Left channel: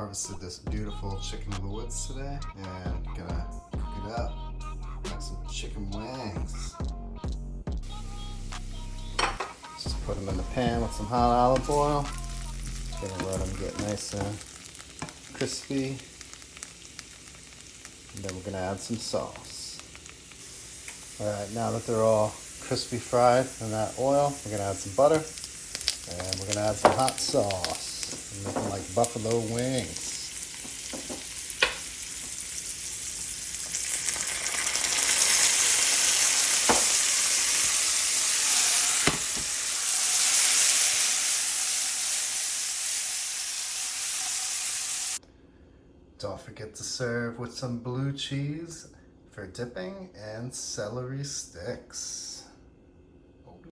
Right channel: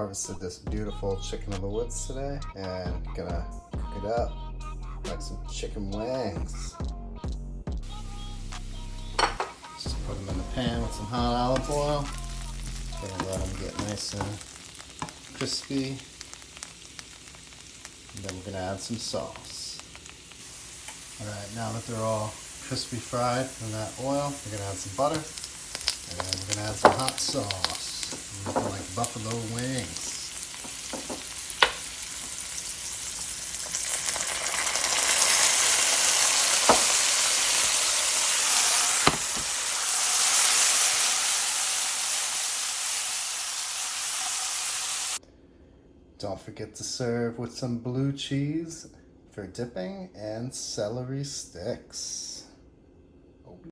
Harvested this beautiful chicken in the woods today and gonna cook it up like some chicken wings. Just put them in the pan with some hot olive oil. Gonna let them get nice and crispy. And then we're gonna add some sauce. Alright, now that they're all crispy fried in that oil, we're gonna add some butter and we're gonna add some hot sauce. Make them like buffalo wings. Don't forget to serve with some blue cheese for dipping and celery sticks.